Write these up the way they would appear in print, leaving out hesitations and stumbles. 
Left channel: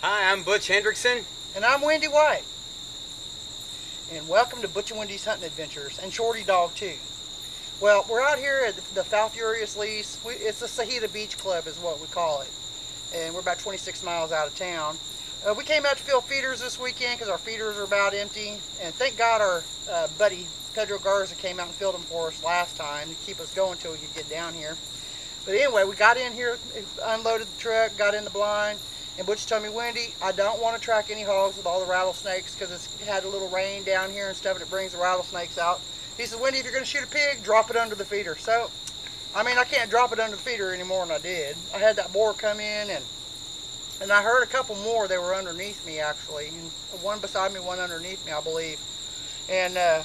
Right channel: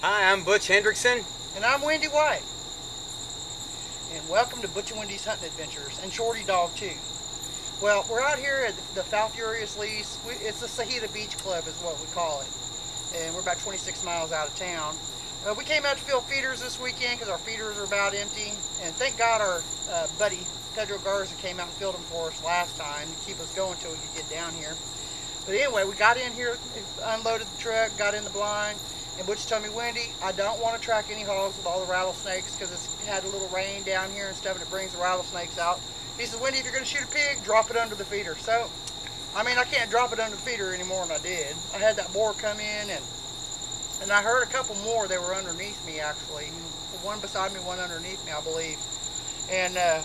Hi, I'm Butch Hendrickson. And I'm Wendy White. And welcome to Butch and Wendy's Hunting Adventures, and Shorty Dog too. Well, we're out here at the Falfurrious lease. It's the Sahita Beach Club is what we call it. And we're about 26 miles out of town. We came out to fill feeders this weekend because our feeders are about empty. And thank God our buddy Pedro Garza came out and filled them for us last time to keep us going until we could get down here. But anyway, we got in here, unloaded the truck, got in the blind. And Butch told me, Wendy, I don't want to track any hogs with all the rattlesnakes because it's had a little rain down here and stuff and it brings the rattlesnakes out. He said, Wendy, if you're going to shoot a pig, drop it under the feeder. So, I mean, I can't drop it under the feeder any more than I did. I had that boar come in and I heard a couple more. They were underneath me, actually. One beside me, one underneath me, I believe. And I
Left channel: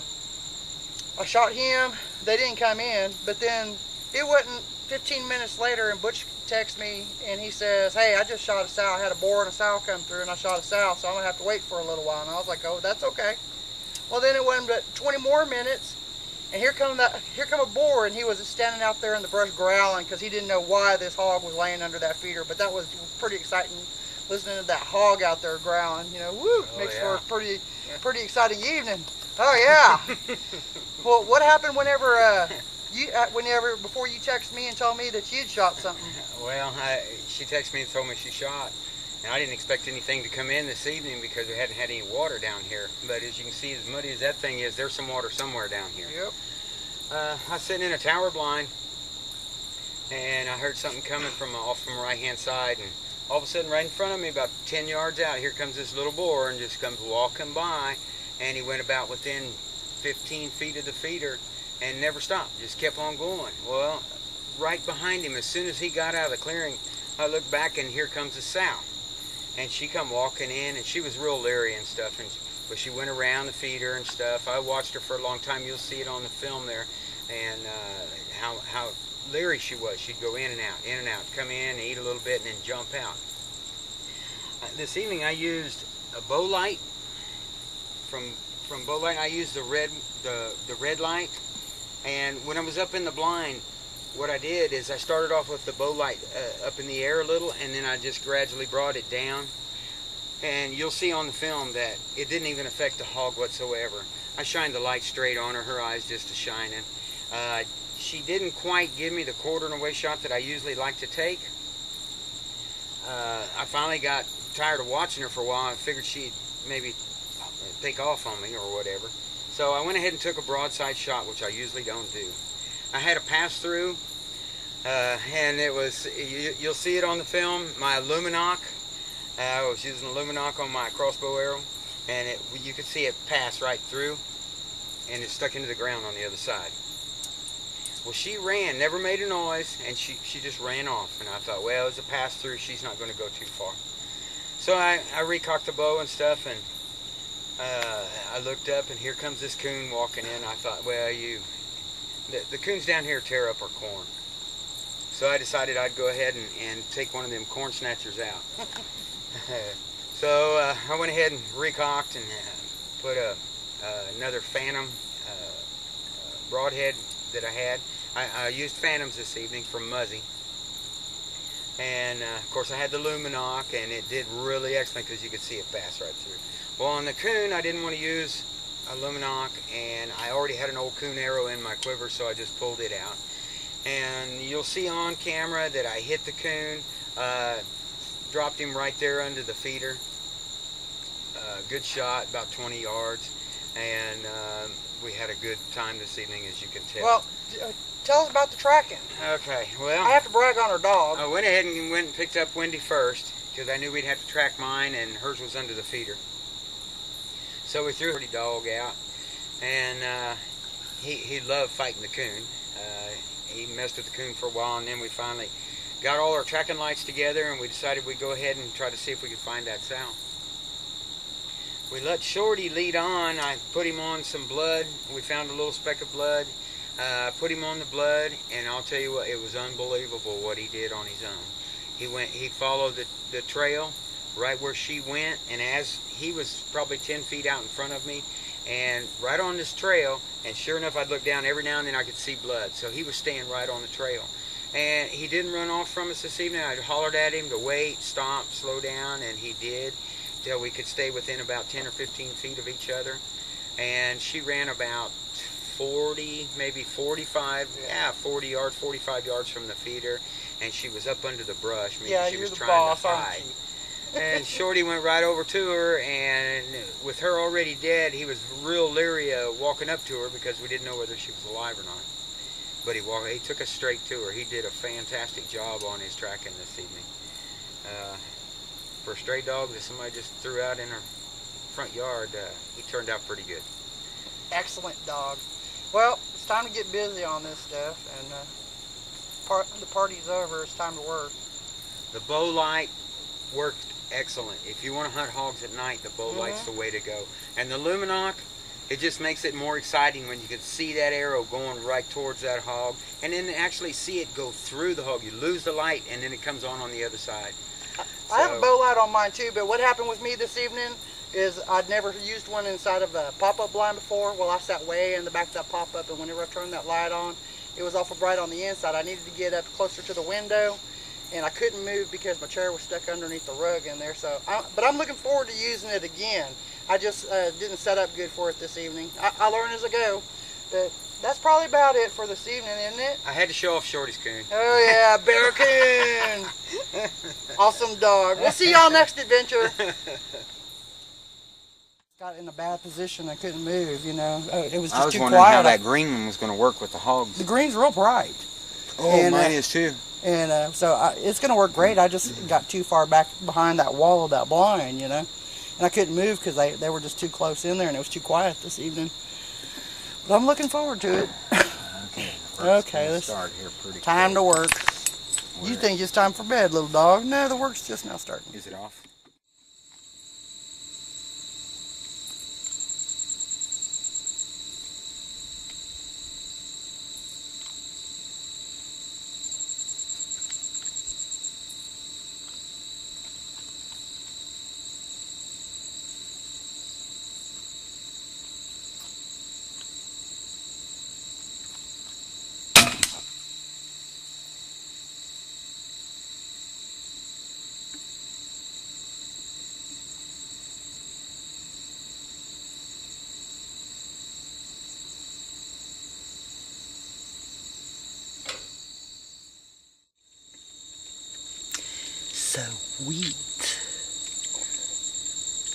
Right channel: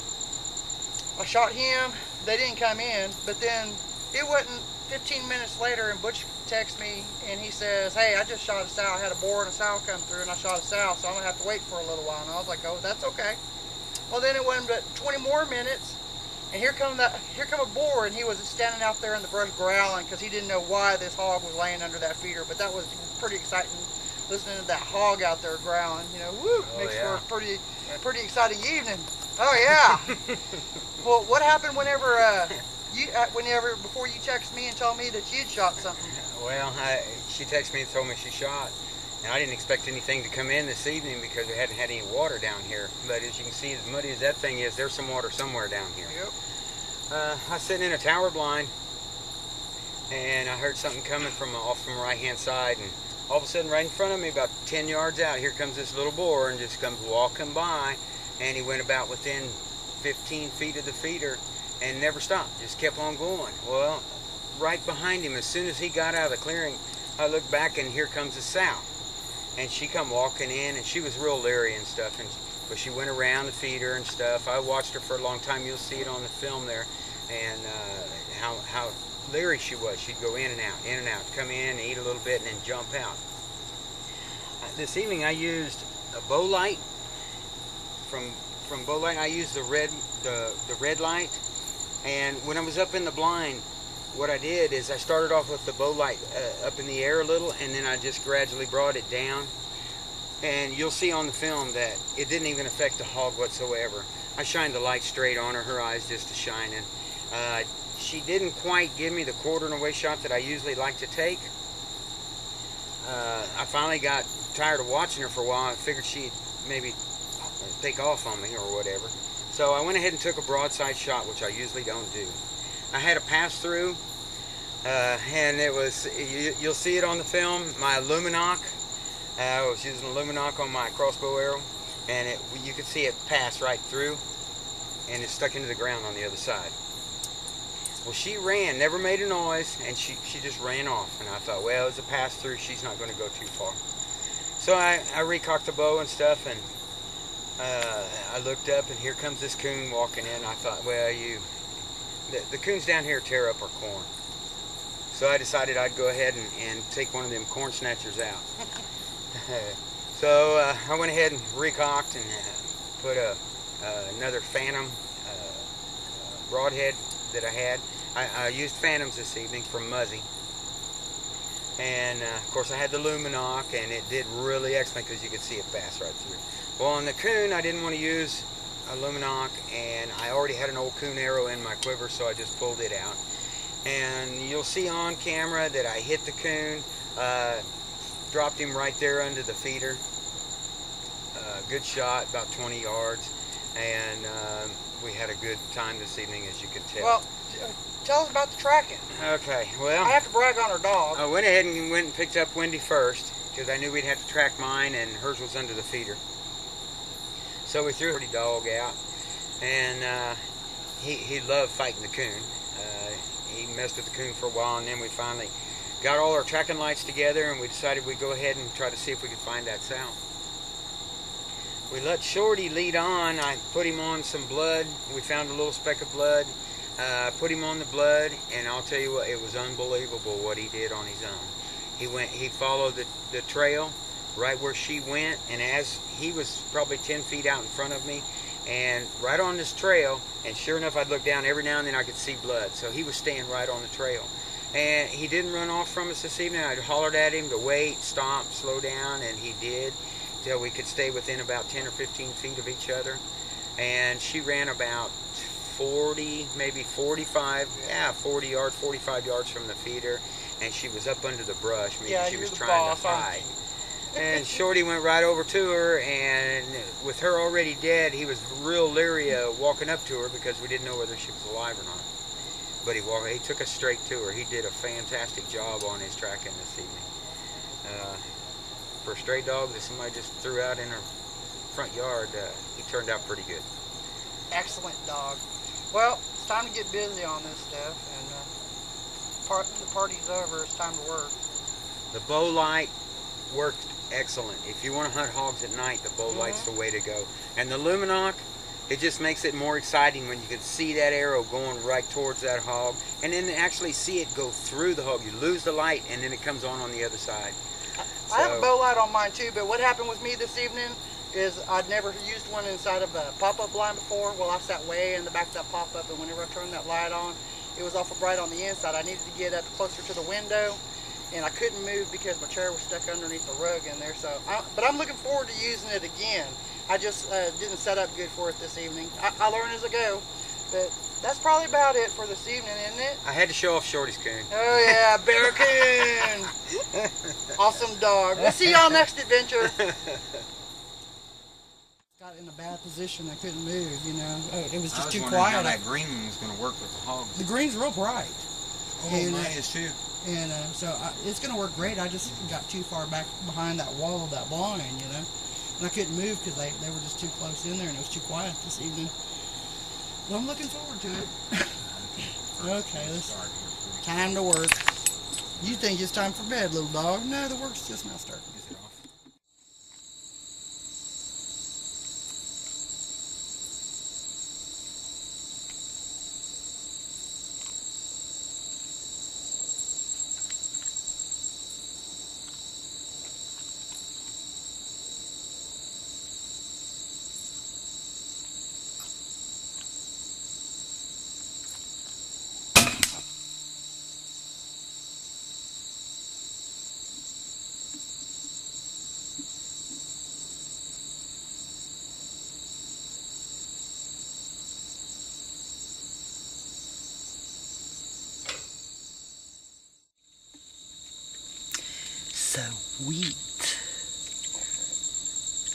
shot him. They didn't come in, but then it wasn't 15 minutes later and Butch texts me and he says, hey, I just shot a sow. I had a boar and a sow come through and I shot a sow, so I'm going to have to wait for a little while. And I was like, oh, that's okay. Well, then it wasn't but 20 more minutes and here come a boar, and he was standing out there in the brush growling because he didn't know why this hog was laying under that feeder. But that was pretty exciting listening to that hog out there growling. You know, woo, makes for a pretty exciting evening. Oh, yeah. Well, what happened whenever before you texted me and told me that you'd shot something? Well, she texted me and told me she shot. And I didn't expect anything to come in this evening because we hadn't had any water down here. But as you can see, as muddy as that thing is, there's some water somewhere down here. Yep. I was sitting in a tower blind, and I heard something coming off from the right-hand side. And all of a sudden, right in front of me, about 10 yards out, here comes this little boar and just comes walking by. And he went about within 15 feet of the feeder and never stopped, just kept on going. Well, right behind him, as soon as he got out of the clearing, I looked back and here comes the sow. And she come walking in and she was real leery and stuff, but she went around the feeder and stuff. I watched her for a long time. You'll see it on the film there, and how leery she was. She'd go in and out, come in, eat a little bit, and then jump out. This evening I used a bow light from Bow Light. I used the red light. And when I was up in the blind, what I did is I started off with the bow light up in the air a little, and then I just gradually brought it down. And you'll see on the film that it didn't even affect the hog whatsoever. I shined the light straight on her eyes just a shining. She didn't quite give me the quartering away shot that I usually like to take. I finally got tired of watching her for a while. I figured she'd maybe take off on me or whatever. So I went ahead and took a broadside shot, which I usually don't do. I had a pass through, and it was, you'll see it on the film, my Lumenok. I was using a Lumenok on my crossbow arrow, and you could see it pass right through, and it stuck into the ground on the other side. Well, she ran, never made a noise, and she just ran off. And I thought, well, it's a pass through, she's not going to go too far. So I recocked the bow and stuff, and I looked up, and here comes this coon walking in. I thought, well, the coons down here tear up our corn. So I decided I'd go ahead and take one of them corn snatchers out. So I went ahead and recocked and put another Phantom broadhead that I had. I used Phantoms this evening from Muzzy. And of course I had the Lumenok, and it did really excellent because you could see it pass right through. Well, on the coon, I didn't want to use a Lumenok, and I already had an old coon arrow in my quiver, so I just pulled it out. And you'll see on camera that I hit the coon, dropped him right there under the feeder. Good shot, about 20 yards, and we had a good time this evening, as you can tell. Well, tell us about the tracking. Okay, well, I have to brag on our dog. I went ahead and picked up Wendy first, because I knew we'd have to track mine, and hers was under the feeder. So we threw the dog out, and he loved fighting the coon. He messed with the coon for a while, and then we finally got all our tracking lights together, and we decided we'd go ahead and try to see if we could find that sow. We let Shorty lead on. I put him on some blood. We found a little speck of blood. Put him on the blood, and I'll tell you what, it was unbelievable what he did on his own. He followed the trail right where she went, and as he was probably 10 feet out in front of me, and right on this trail, and sure enough, I'd look down every now and then, I could see blood. So he was staying right on the trail, And he didn't run off from us this evening. I hollered at him to wait, stop, slow down, and he did, till we could stay within about 10 or 15 feet of each other. And she ran about 40, maybe 45, 40 yards, 45 yards from the feeder, and she was up under the brush, meaning she was trying to hide. And Shorty went right over to her, and with her already dead, he was real leery of walking up to her because we didn't know whether she was alive or not. But he took us straight to her. He did a fantastic job on his tracking this evening. For a stray dog that somebody just threw out in her front yard, he turned out pretty good. Excellent dog. Well, it's time to get busy on this stuff, and the party's over. It's time to work. The bow light worked excellent. If you want to hunt hogs at night, the bow light's the way to go. And the Lumenok, it just makes it more exciting when you can see that arrow going right towards that hog, and then actually see it go through the hog. You lose the light, and then it comes on the other side. I have a bow light on mine too, but what happened with me this evening is I'd never used one inside of a pop-up blind before. Well, I sat way in the back of that pop-up, and whenever I turned that light on, it was awful bright on the inside. I needed to get up closer to the window, and I couldn't move because my chair was stuck underneath the rug in there. But I'm looking forward to using it again. I just didn't set up good for it this evening. I learn as I go, but that's probably about it for this evening, isn't it? I had to show off Shorty's coon. Oh yeah, bear coon. Awesome dog. We'll see y'all next adventure. Got in a bad position. I couldn't move, you know. It was just too quiet. I was wondering how that green one was going to work with the hogs. The green's real bright. Oh, and, mine is too. And so it's going to work great. I just got too far back behind that wall of that blind, you know. And I couldn't move because they were just too close in there, and it was too quiet this evening. But I'm looking forward to it. Okay, let's start here pretty time to work. You think it's time for bed, little dog? No, the work's just now starting. Is it off? Sweet.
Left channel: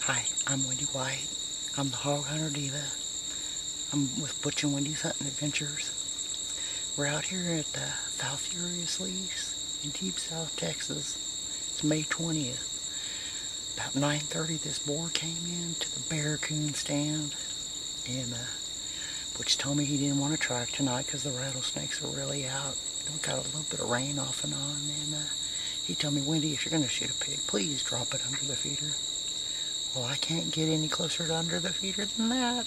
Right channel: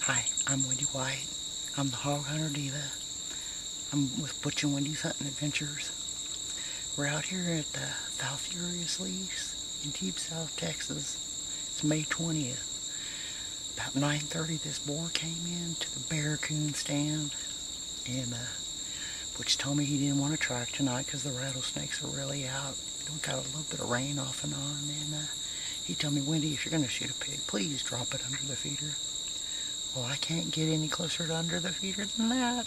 Hi, I'm Wendy White. I'm the Hog Hunter Diva. I'm with Butch and Wendy's Hunting Adventures. We're out here at the South Furious Lease in deep South Texas. It's May 20th. About 9:30 this boar came in to the bear coon stand, and Butch told me he didn't want to track tonight because the rattlesnakes are really out. We got a little bit of rain off and on, and he told me, Wendy, if you're going to shoot a pig, please drop it under the feeder. Well, I can't get any closer to under the feeder than that.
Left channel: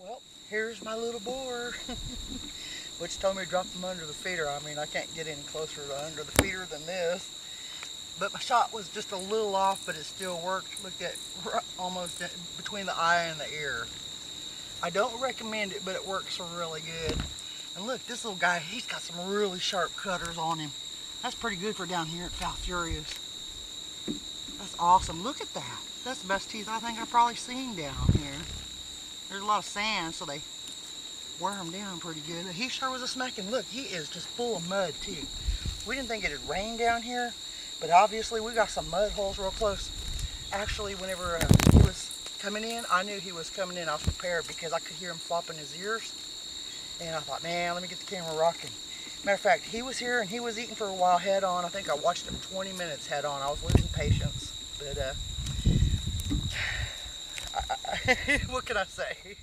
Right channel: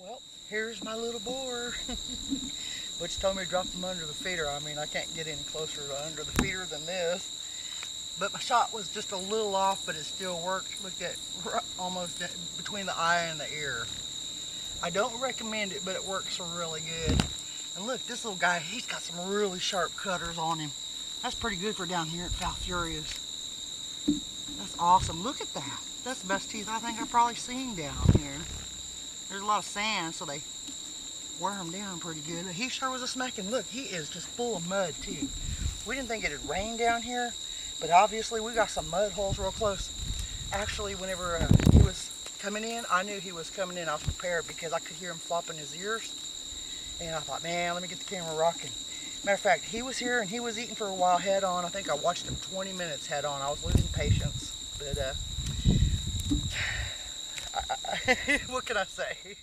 Well, here's my little boar. Butch told me to drop them under the feeder. I mean, I can't get any closer to under the feeder than this. But my shot was just a little off, but it still worked. Look at almost between the eye and the ear. I don't recommend it, but it works really good. And look, this little guy, he's got some really sharp cutters on him. That's pretty good for down here at South Furious. That's awesome. Look at that. That's the best teeth I think I've probably seen down here. There's a lot of sand, so they wear them down pretty good. He sure was a smacking. Look, he is just full of mud too. We didn't think it'd rain down here, but obviously we got some mud holes real close. Actually, whenever he was coming in, I knew he was coming in. I was prepared because I could hear him flopping his ears. And I thought, man, let me get the camera rocking. Matter of fact, he was here and he was eating for a while head on. I think I watched him 20 minutes head on. I was losing patience. But what can I say?